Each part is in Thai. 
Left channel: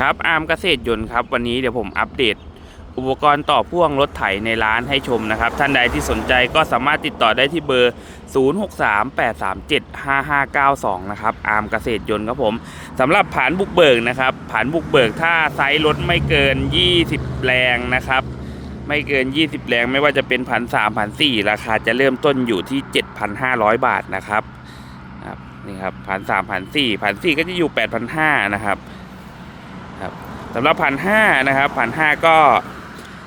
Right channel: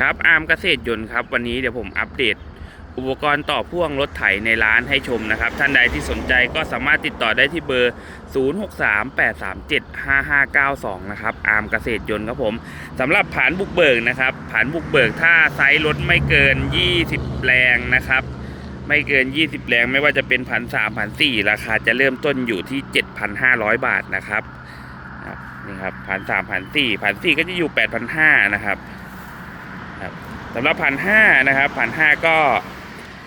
ครับอาร์มเกษตรยนต์ครับวันนี้เดี๋ยวผมอัปเดต อุปกรณ์ต่อพ่วงรถไถในร้านให้ชมนะครับ ท่านใดที่สนใจก็สามารถติดต่อได้ที่เบอร์ 0638375592 นะครับอาร์มเกษตรยนต์ครับผมสำหรับผานบุกเบิกนะครับผานบุกเบิกถ้าไซส์รถไม่เกิน 20 แรงนะครับ ไม่เกิน 20 แรงไม่ว่าจะเป็นพันสามพันสี่ราคาจะเริ่มต้นอยู่ที่ 7,500 บาทนะครับนี่ครับพันสามพันสี่พันสี่ก็จะอยู่ 8,500นะครับ สำหรับพันห้านะครับพันห้าก็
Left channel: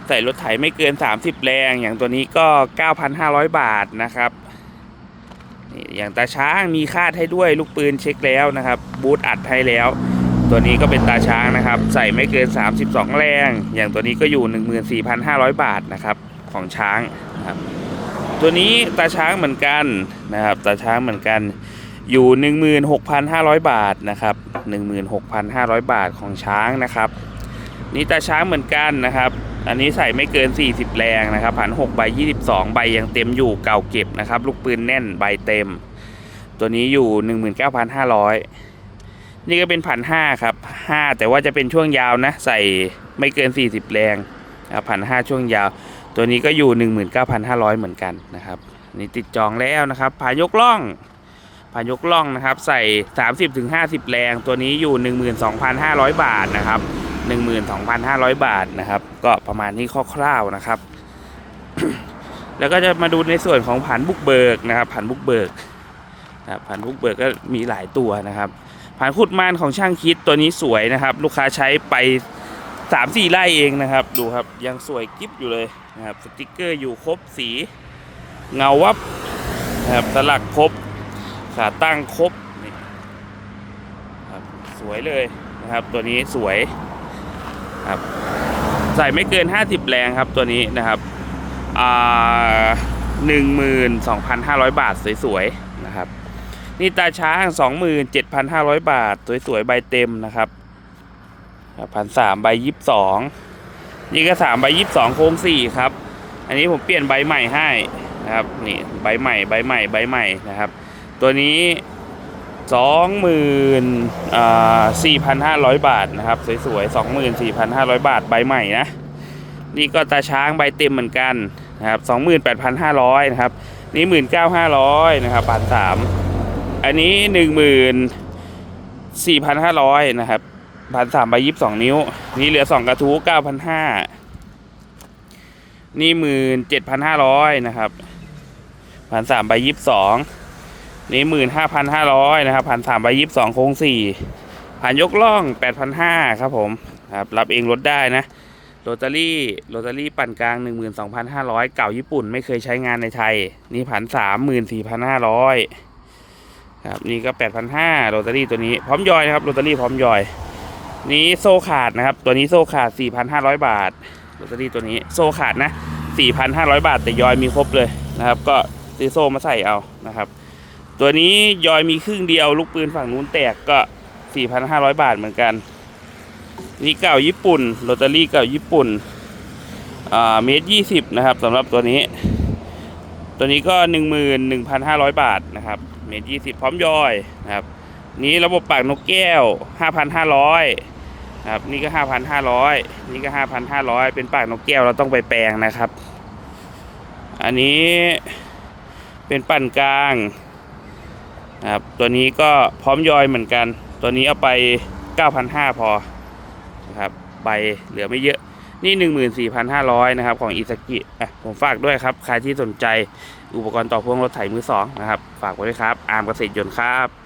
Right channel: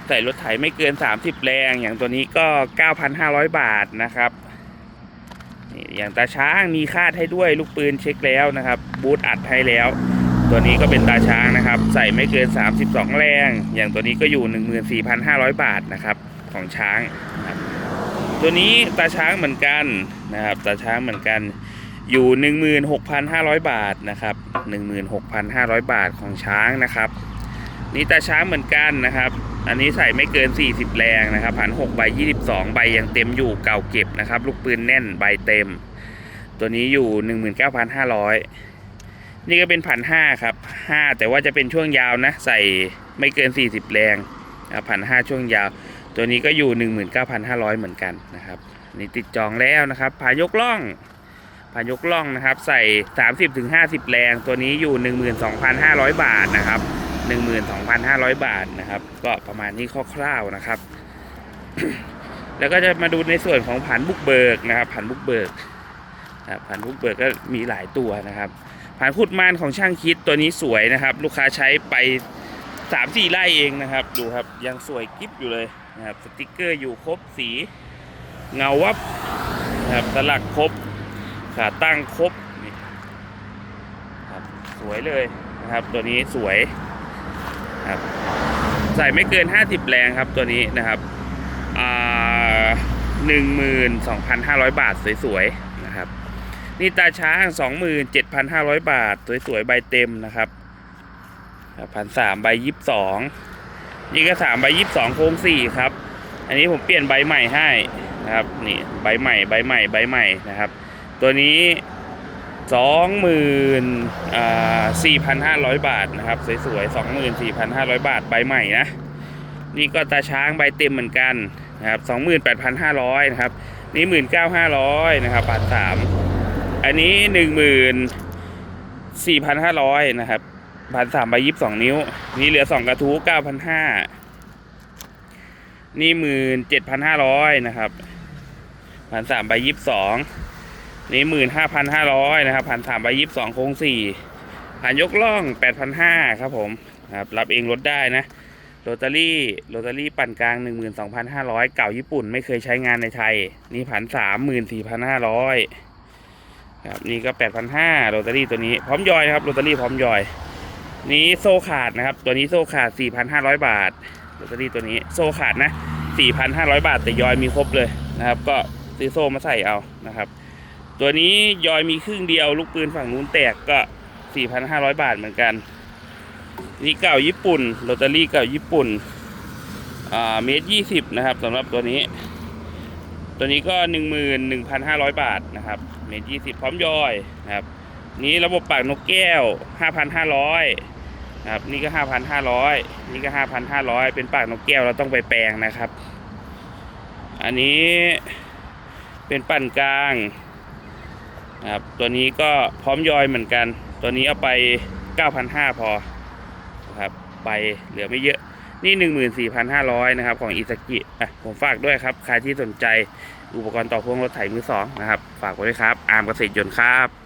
ใส่รถไถไม่เกิน 30 แรง อย่างตัวนี้ก็ 9,500 บาทนะครับนี่อย่างตาช้างมีคาดให้ด้วยลูกปืนเช็คแล้วนะครับ บูทอัดให้แล้ว ตัวนี้ก็เป็นตาช้างนะครับ ใส่ไม่เกิน 32 แรง อย่างตัวนี้ก็อยู่ 14,500 บาทนะครับของช้าง ตัวนี้ตาช้างเหมือนกันนะครับ ตาช้างเหมือนกัน อยู่ 16,500 บาทนะครับ 16,500 บาทของช้างนะครับ นี่ตาช้างเหมือนกันนะครับ อันนี้ใส่ไม่เกิน 40 แรงนะครับผัน6ใบ 22 ใบยังเต็มอยู่เก่าเก็บนะครับ ลูกปืนแน่นใบเต็ม ตัวนี้อยู่ 19,500 นี่ก็เป็นพันห้าครับ 5 แต่ว่าจะเป็นช่วงยาวนะ ใส่ไม่เกิน 40 แรงนะพันห้าช่วงยาว ตัวนี้ก็อยู่ 19,500 เหมือนกันนะครับนนี่ติดจองแล้วนะครับผายกล่อง พายกล่องนะครับ ใส่ 30-50 แรง ตัวนี้อยู่ 12,500 บาทนะครับ 12,500 บาทนะครับ ก็ประมาณนี้คร่าวๆนะครับ แล้วก็จะมาดูในส่วนของผันบุกเบิกนะครับผันบุกเบิกครับผันบุกเบิกก็มีหลายตัวนะครับผันขุดม่านของช่างคิดตัวนี้สวยนะครับ ลูกค้าใช้ไป3-4ไร่เองนะครับ ดูครับยังสวยกิ๊บอยู่เลยนะครับสติกเกอร์อยู่ครบสี เงาวับนะครับสลักครบ ขาตั้งครบนี่ครับสวยเลยนะครับ ตัวนี้สวยครับใส่ไม่เกิน 50 แรงครับตัวนี้นะครับอ่าหนึ่งหมื่นสองพันห้าร้อยบาทสวยๆนะครับ นี่ตาช้างสองหมื่นเจ็ดพันห้าร้อยบาท สวยๆใบเต็มนะครับพันสามใบยี่สิบสองนี่ก็สามใบยี่สิบสองโค้งสี่ครับ อันนี้ผมเปลี่ยนใบใหม่ให้นะครับนี่ใบใหม่ใบใหม่ใบใหม่นะครับ ตัวนี้สองหมื่นสี่พันห้าร้อยบาทนะครับ สวยๆสองหมื่นสี่พันห้าร้อยบาทใบใหม่นะ นี่ก็ตาช้างใบเต็มเหมือนกันนะครับสองหมื่นแปดพันห้าร้อยนะครับ นี่หมื่นเก้าห้าร้อยนะครับบาทสามอันนี้หนึ่งหมื่นสี่พันห้าร้อยนะครับพันสามใบยี่สิบสองนิ้ว นี่เหลือสองกระทู้เก้าพันห้านี่หมื่นเจ็ดพันห้าร้อยนะครับพันสามใบยี่สิบสอง นี่หมื่นห้าพันห้าร้อยนะครับพันสามใบยิบสองโค้งสี่ผ่านยกล่องแปดพันห้าครับผมครับรับเองลดได้นะโรตารี่โรตารี่ปั่นกลางหนึ่งหมื่นสองพันห้าร้อยเก่าญี่ปุ่นไม่เคยใช้งานในไทย นี่พันสามหมื่นสี่พันห้าร้อยครับนี่ก็แปดพันห้าโรตารี่ตัวนี้พร้อมยอยนะครับโรตารี่พร้อมยอย นี้โซขาดนะครับ ตัวนี้โซขาดสี่พันห้าร้อยบาทโรตารี่ตัวนี้โซขาดนะสี่พันห้าร้อยบาทแต่ยอยมีครบเลยนะครับ ก็ซื้อโซมาใส่เอานะครับ ตัวนี้ยอยมีครึ่งเดียวลูกปืนฝั่งนู้นแตกก็ 4,500 บาทเหมือนกัน นี่เก่าญี่ปุ่นโรตารี่เก่าญี่ปุ่นอ่าเมตรยี่สิบนะครับสำหรับตัวนี้ ตัวนี้ก็11,500บาทนะครับ เมตรยี่สิบพร้อมยอยนะครับ นี้ระบบปากนกแก้ว5,500ครับนี่ก็5,500นี่ก็5,500เป็นปากนกแก้วเราต้องไปแปลงนะครับ อันนี้เป็นปั่นกลาง นะครับตัวนี้ก็พร้อมยอยเหมือนกัน ตัวนี้เอาไป 9,500 พอนะครับใบเหลือไม่เยอะนี่ 14,500 นะครับ ของอิซากิอะผมฝากด้วยครับ ใครที่สนใจอุปกรณ์ต่อพ่วงรถไถมือสองนะครับ ฝากไว้ด้วยครับ อาร์มเกษตรยนต์ครับ